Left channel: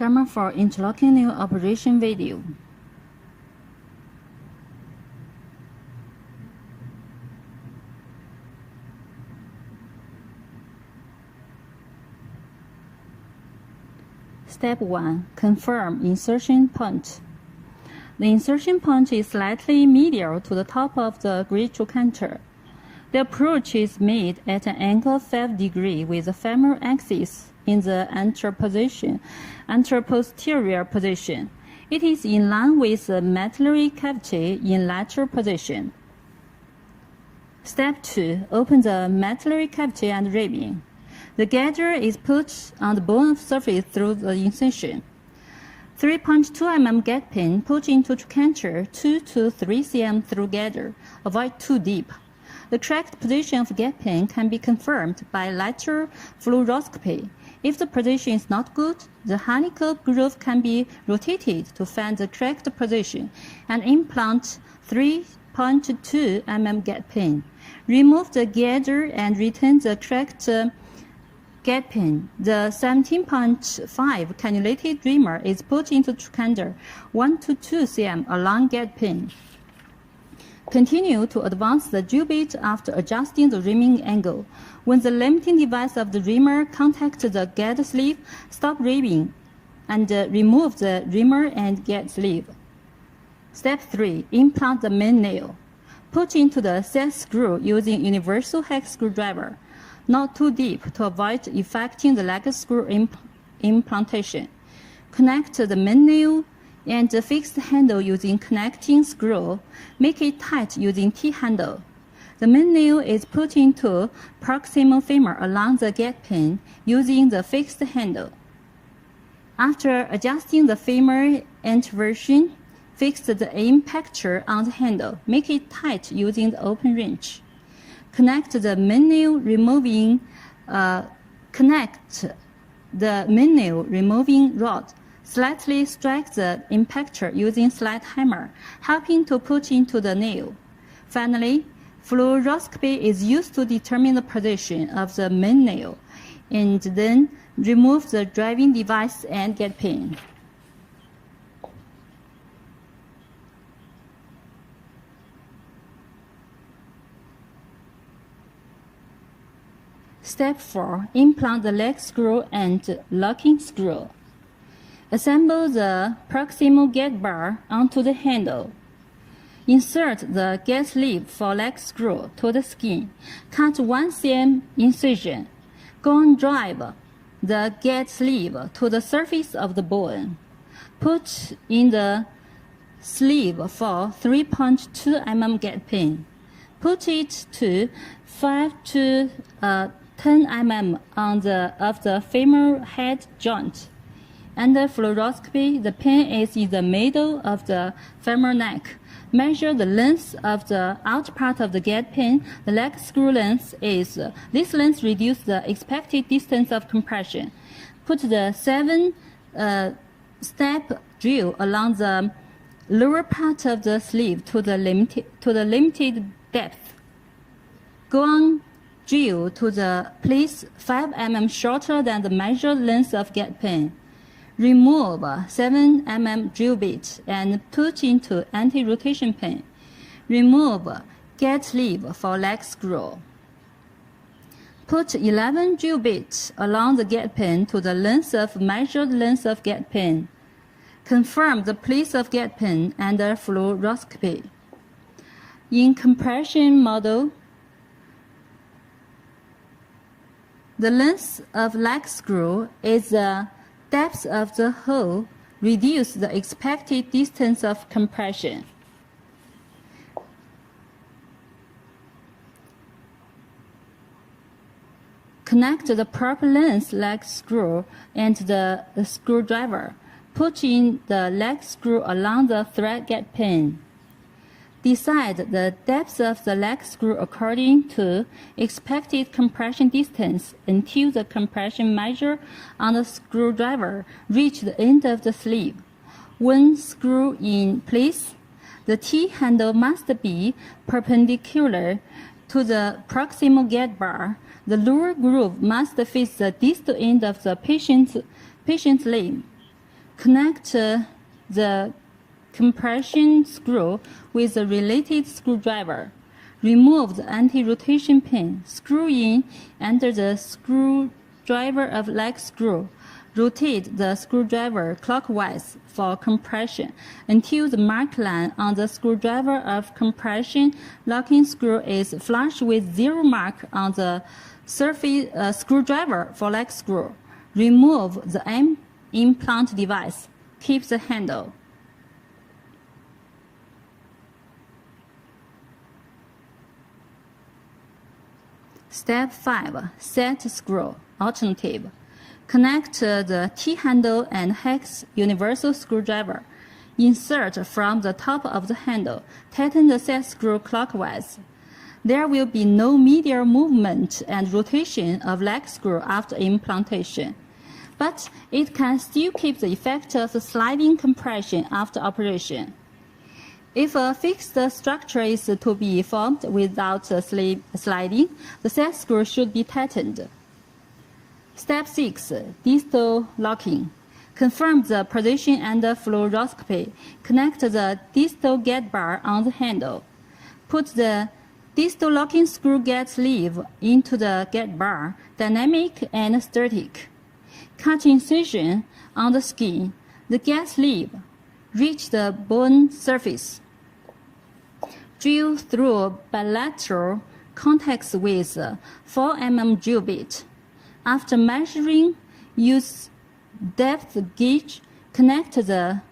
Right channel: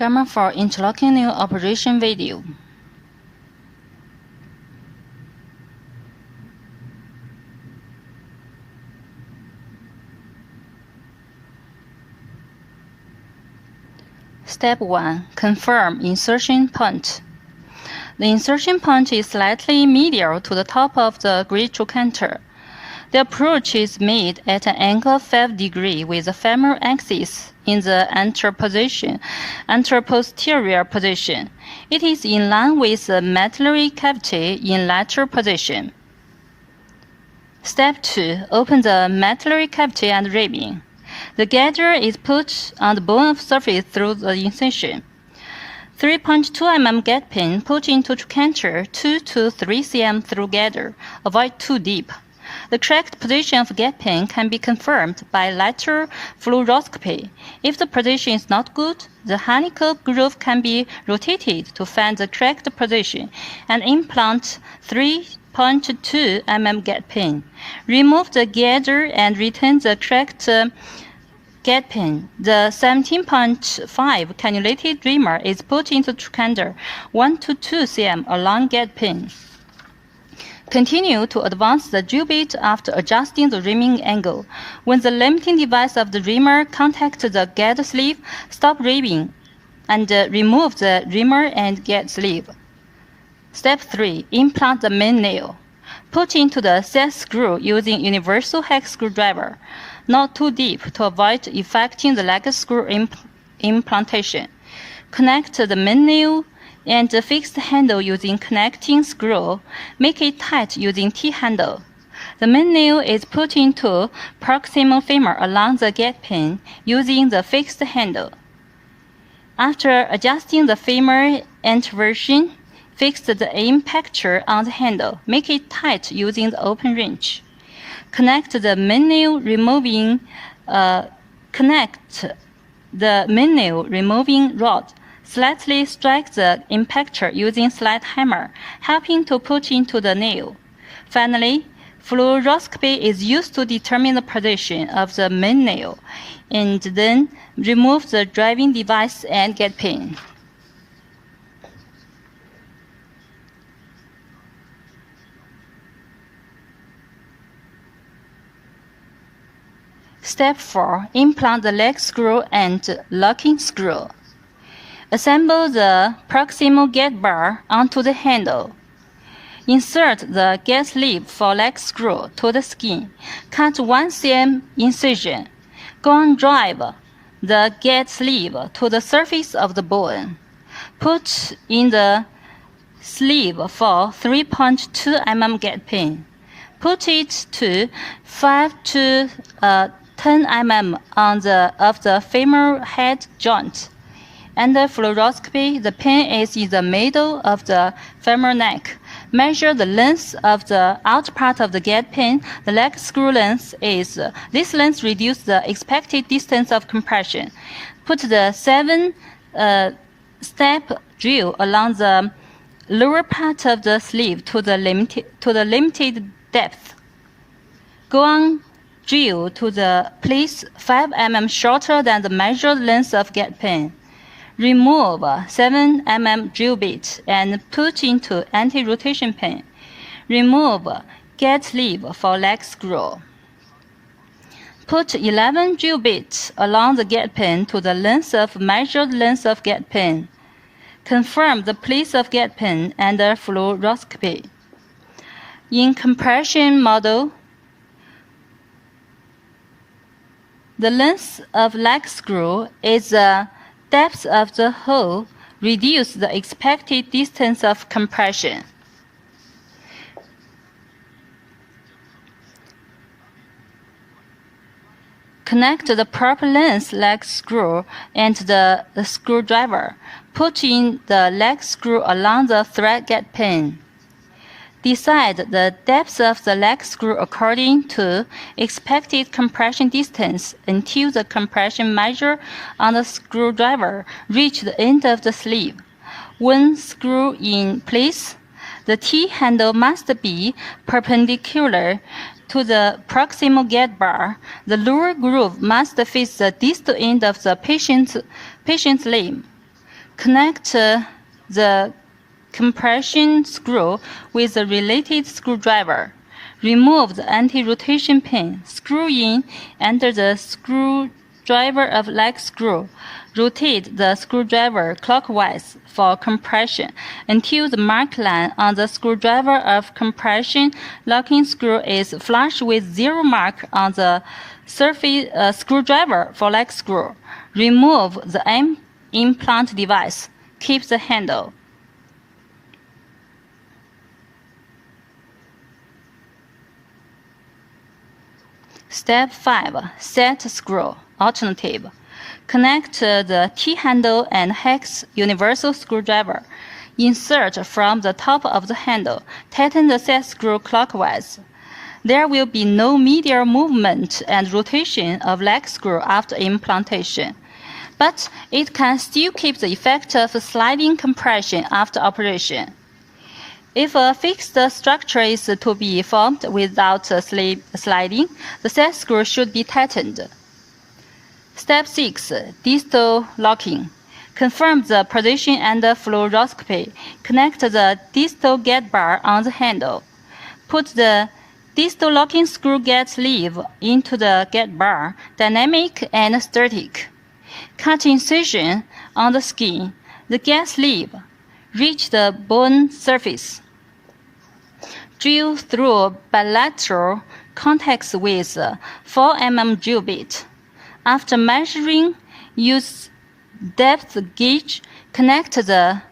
Gamma for interlocking new operation video. Step 1. Confirm insertion point. The insertion point is slightly medial to the top of the grid trochanter. The approach is made at an angle of 5 degrees with the femoral axis in the anteroposterior position. It is in line with the medullary cavity in lateral position. Step 2. Open the medullary cavity and ribbing. The gather is put on the bone of surface through the incision. 3.2 mm gap pin put into trochanter 2 to 3 cm through gather. Avoid too deep. The correct position of gap pin can be confirmed by lateral fluoroscopy. If the position is not good, the helical groove can be rotated to find the correct position and implant 3.2 mm gap pin. Remove the gather and retain the correct gap pin. The 17.5 cannulated reamer is put into trochanter 1 to 2 cm along gap pin. Continue to advance the drill bit after adjusting the reaming angle. When the limiting device of the reamer contacts the gate sleeve, stop reaming and remove the reamer and gate sleeve. Step 3. Implant the main nail. Put into the set screw using universal hex screwdriver, not too deep to avoid affecting the leg screw implantation. Connect the main nail and the fixed handle using connecting screw. Make it tight using T-handle. The main nail is put into proximal femur along the gap pin using the fixed handle. After adjusting the femur inversion, fix the impactor on the handle. Make it tight using the open wrench. Connect the main nail removing rod. Slightly strike the impactor using slight hammer, helping to put into the nail. Finally, fluoroscopy is used to determine the position of the main nail, and then remove the driving device and gap pin. Step 4. Implant the leg screw and locking screw. Assemble the proximal gate bar onto the handle. Insert the gate sleeve for leg screw to the skin. Cut 1 cm incision. Go on drive the gate sleeve to the surface of the bone. Put in the sleeve for 3.2 mm gate pin. Put it to 5 to 10 mm on the femoral head joint. Under fluoroscopy, the pin is in the middle of the femoral neck. Measure the length of the outer part of the gate pin. The leg screw length is this length reduces the expected distance of compression. Put the 7-step drill along the lower part of the sleeve to the limited depth. Go on drill to the place 5 mm shorter than the measured length of gate pin. Remove 7 mm drill bit and put into anti-rotation pin. Remove gate sleeve for leg screw. Put 11 drill bits along the gate pin to the measured length of gate pin. Confirm the place of gate pin under fluoroscopy. In compression model, the length of leg screw is the depth of the hole. Reduce the expected distance of compression. Connect the proper length leg screw and the screwdriver. Put in the leg screw along the thread gate pin. Decide the depth of the leg screw according to expected compression distance until the compression measure on the screwdriver reach the end of the sleeve. When screw in place, the T-handle must be perpendicular to the proximal gate bar. The lower groove must face the distal end of the patient's limb. Connect the compression screw with the related screwdriver. Remove the anti-rotation pin. Screw in under the screwdriver of leg screw. Rotate the screwdriver clockwise for compression until the mark line on the screwdriver of compression locking screw is flush with zero mark on the surface screwdriver for leg screw. Remove the implant device. Keep the handle. Step 5. Set screw. Alternative. Connect the T-handle and hex universal screwdriver. Insert from the top of the handle. Tighten the set screw clockwise. There will be no medial movement and rotation of leg screw after implantation, but it can still keep the effect of sliding compression after operation. If a fixed structure is to be formed without sliding, the set screw should be tightened. Step 6. Distal locking. Confirm the position under fluoroscopy. Connect the distal gate bar on the handle. Put the distal locking screw gate sleeve into the gate bar, dynamic and static. Cut incision on the skin. The gate sleeve. Reach the bone surface. Drill through bilateral contacts with 4 mm drill bit. After measuring, use depth gauge. Connect the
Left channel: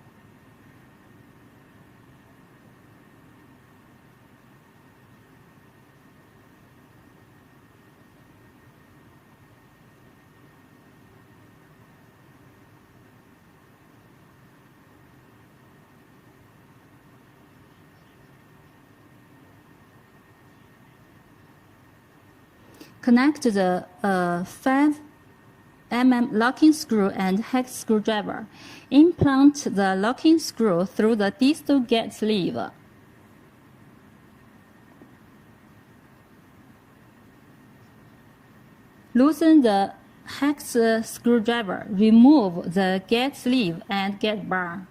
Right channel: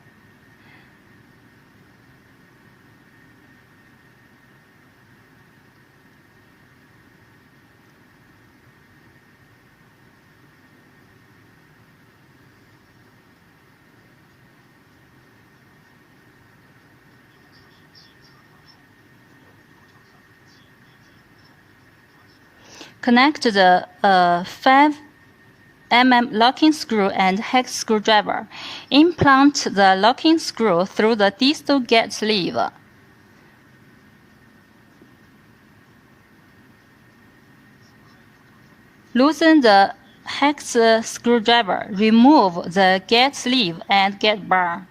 Connect the 5 mm locking screw and hex screwdriver. Implant the locking screw through the distal gate sleeve. Loosen the hex screwdriver. Remove the gate sleeve and gate bar.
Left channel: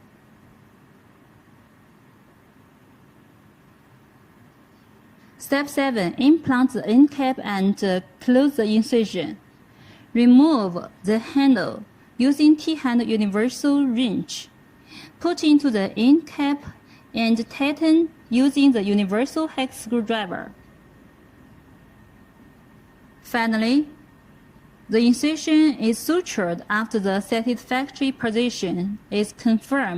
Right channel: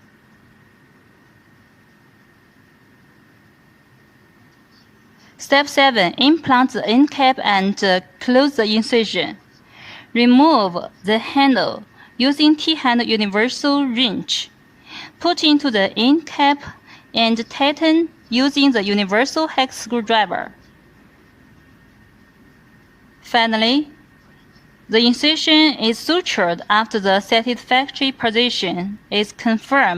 Step 7. Implant the end cap and close the incision. Remove the handle using T-handle universal wrench. Put into the end cap and tighten using the universal hex screwdriver. Finally, the incision is sutured after the satisfactory position is confirmed.